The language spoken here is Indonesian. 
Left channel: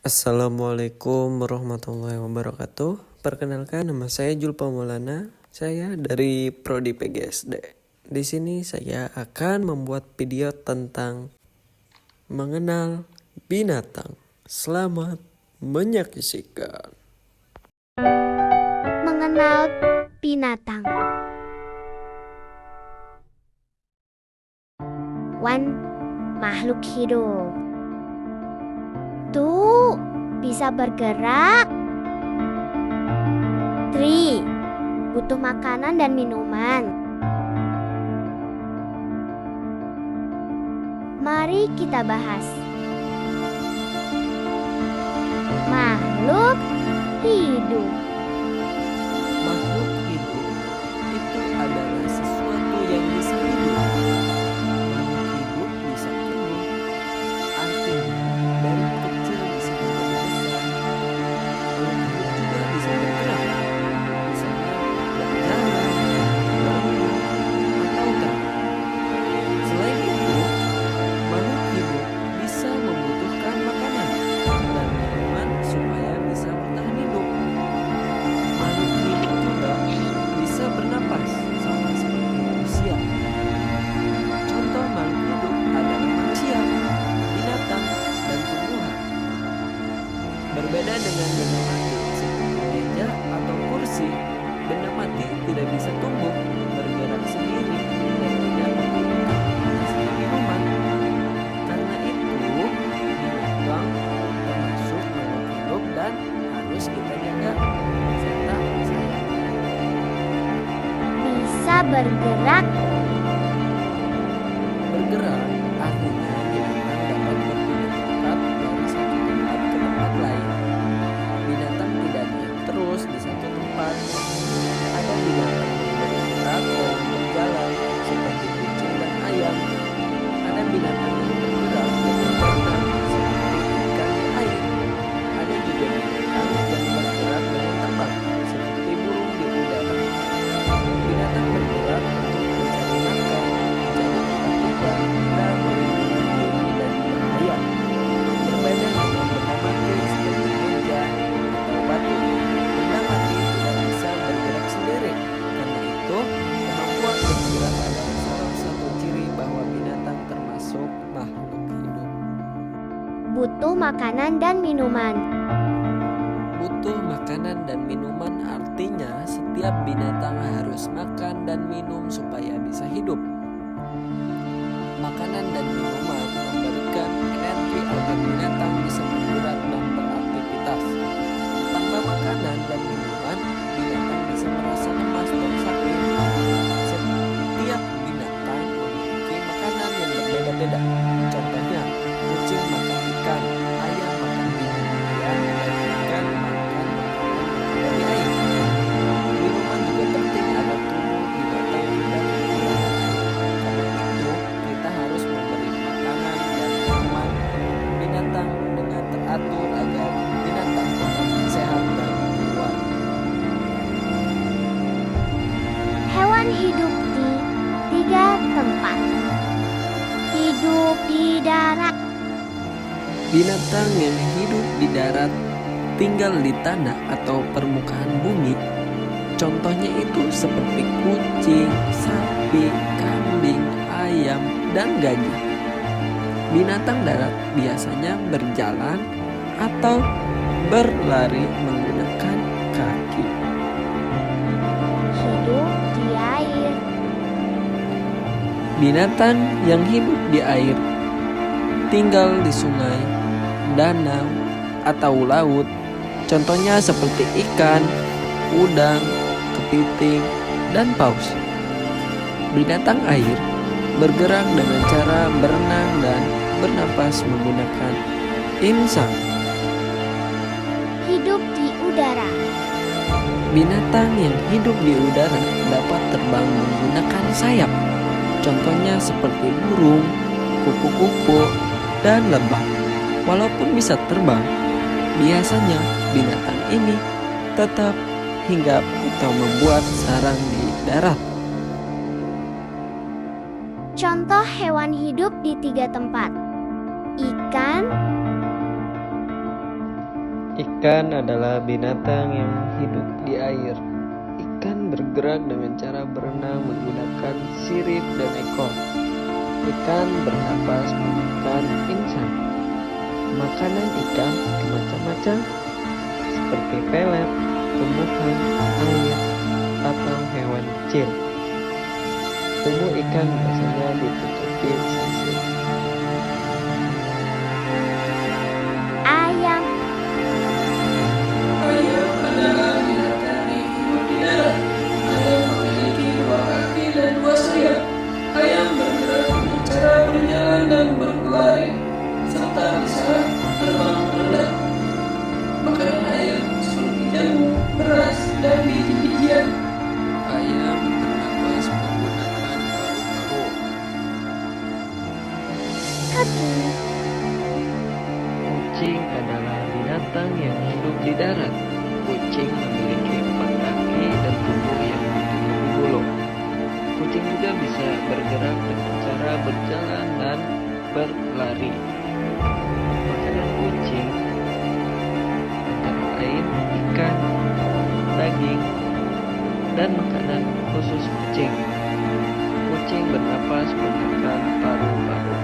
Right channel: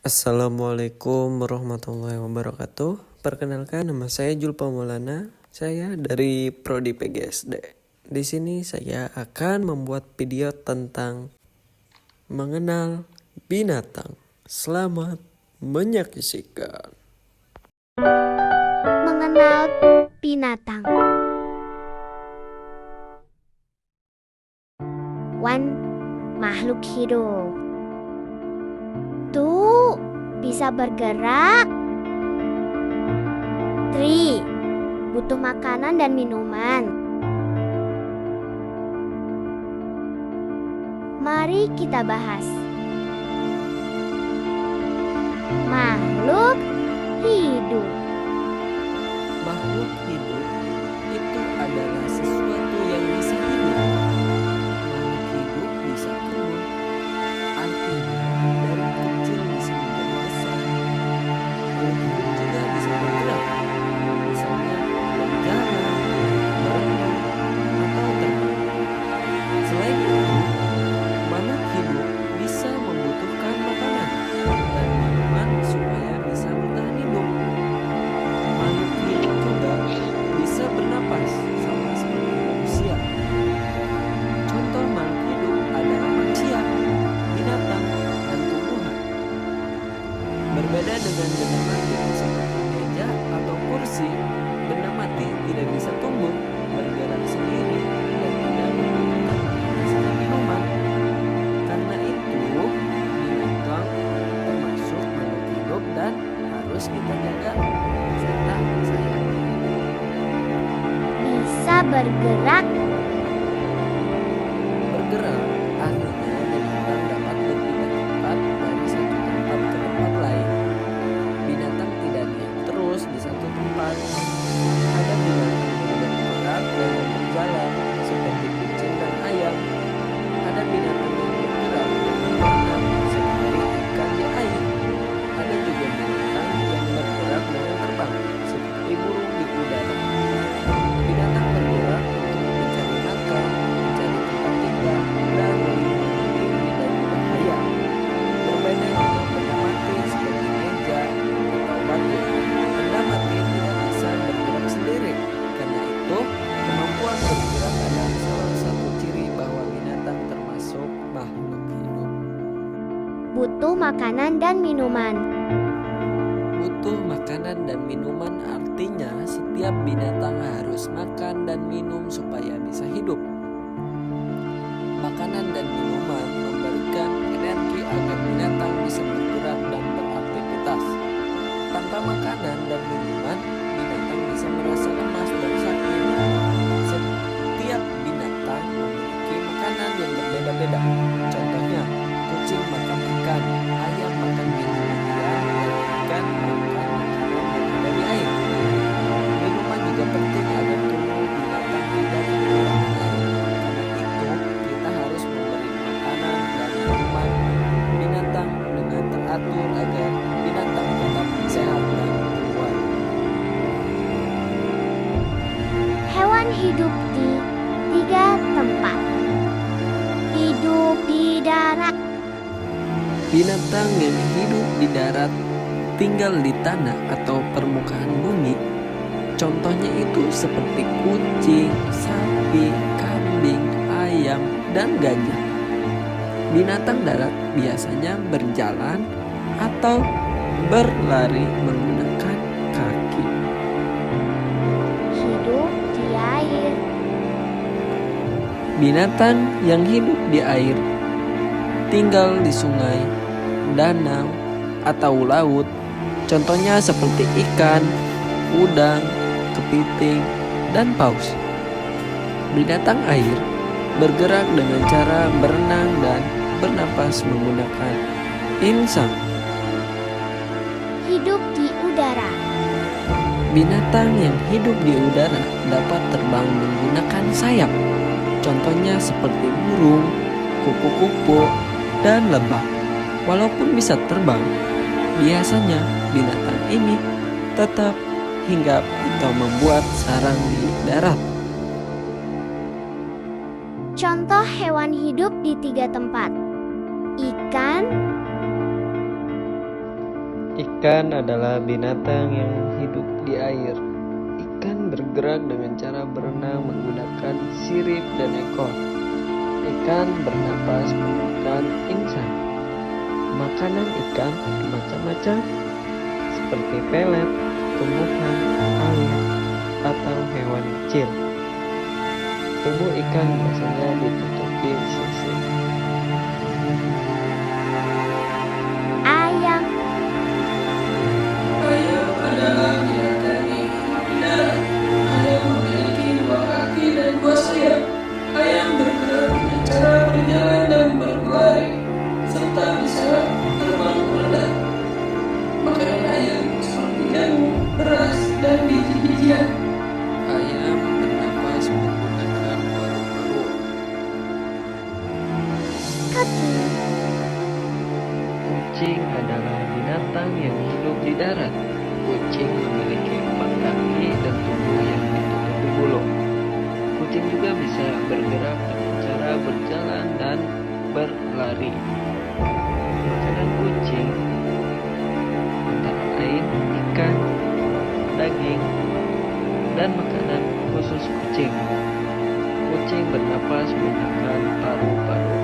Assalamualaikum warahmatullahi wabarakatuh. Perkenalkan, nama saya Julpa Maulana. Saya dari Prodi PGSD. Di sini saya akan membuat video tentang mengenal binatang. Selamat menyaksikan. Mengenal binatang. One, makhluk hidup. Two, bisa bergerak. Three, butuh makanan dan minuman. Mari kita bahas. Makhluk hidup. Makhluk hidup itu adalah sesuatu yang bisa hidup. Makhluk hidup bisa tumbuh, artinya dari kecil bisa menjadi besar. Makhluk hidup juga bisa bergerak, misalnya berjalan, berenang, atau terbang. Selain itu, makhluk hidup bisa membutuhkan makanan dan minuman supaya bisa bertahan hidup. Makhluk hidup juga bisa bernapas sama seperti manusia. Contoh makhluk hidup adalah manusia, binatang, dan tumbuhan. Berbeda dengan benda mati seperti meja atau kursi, benda mati tidak bisa tumbuh, bergerak sendiri, dan tidak membutuhkan makanan minuman. Karena itu, binatang termasuk makhluk hidup dan harus kita jaga serta sayangi. Bisa bergerak. Bergerak artinya binatang dapat berpindah tempat dari satu tempat ke tempat lain. Binatang tidak diam terus di satu tempat. Ada binatang yang bergerak dan berjalan seperti kucing dan ayam. Ada binatang yang bergerak dan berenang seperti ikan di air. Ada juga binatang yang bergerak dengan terbang seperti burung di udara. Binatang bergerak untuk mencari makan, mencari tempat tinggal, dan melindungi diri dari bahaya. Berbeda dengan benda mati seperti meja atau batu. Benda mati tidak bisa bergerak sendiri. Karena itu, kemampuan bergerak adalah salah satu ciri bahwa binatang termasuk makhluk hidup. Butuh makanan dan minuman. Butuh makanan dan minuman artinya setiap binatang harus makan dan minum supaya bisa hidup. Makanan dan minuman memberikan energi agar binatang bisa bergerak dan beraktivitas. Tanpa makanan dan minuman, binatang bisa merasa lemas dan sakit. Setiap binatang memiliki makanan yang berbeda-beda. Contohnya, kucing makan ikan, ayam makan biji-bijian, dan ikan makan makanan yang ada di air. Minuman juga penting agar tubuh binatang tidak kekurangan air. Karena itu, kita harus memberi makanan dan minuman binatang dengan teratur agar binatang tetap sehat dan kuat. Hewan hidup di 3 tempat. Hidup di darat. Binatang yang hidup di darat tinggal di tanah atau permukaan bumi. Contohnya itu seperti kucing, sapi, kambing, ayam, dan gajah. Binatang darat biasanya berjalan atau berlari menggunakan kaki. Hidup di air. Binatang yang hidup di air tinggal di sungai, danau, atau laut. Contohnya seperti ikan, udang, kepiting, dan paus. Binatang air bergerak dengan cara berenang dan bernapas menggunakan insang. Hidup di udara. Binatang yang hidup di udara dapat terbang menggunakan sayap. Contohnya seperti burung, kupu-kupu, dan lebah. Walaupun bisa terbang, biasanya binatang ini tetap hinggap atau membuat sarang di darat. Contoh hewan hidup di 3 tempat. Ikan, Ikan adalah binatang yang hidup di air. Ikan bergerak dengan cara berenang menggunakan sirip dan ekor. Ikan bernapas menggunakan insang. Makanan ikan macam-macam, seperti pelet, tumbuhan, air, atau hewan kecil. Tubuh ikan biasanya ditutupi sisik. Ayam. Ayam adalah binatang yang hidup di darat. Ayam memiliki 2 kaki dan 2 sayap. Ayam bergerak dengan cara berjalan dan berlari, serta bisa terbang rendah. Makanan ayam seperti jagung, beras, dan biji-bijian. Ayam bernapas menggunakan paru-paru. Kaki. Kucing adalah binatang yang hidup di darat. Kucing memiliki 4 kaki dan tubuh yang ditutupi bulu. Kucing juga bisa bergerak dengan cara berjalan dan berlari. Makanan kucing antara lain ikan, daging, dan makanan khusus kucing. Kucing bernapas menggunakan paru-paru.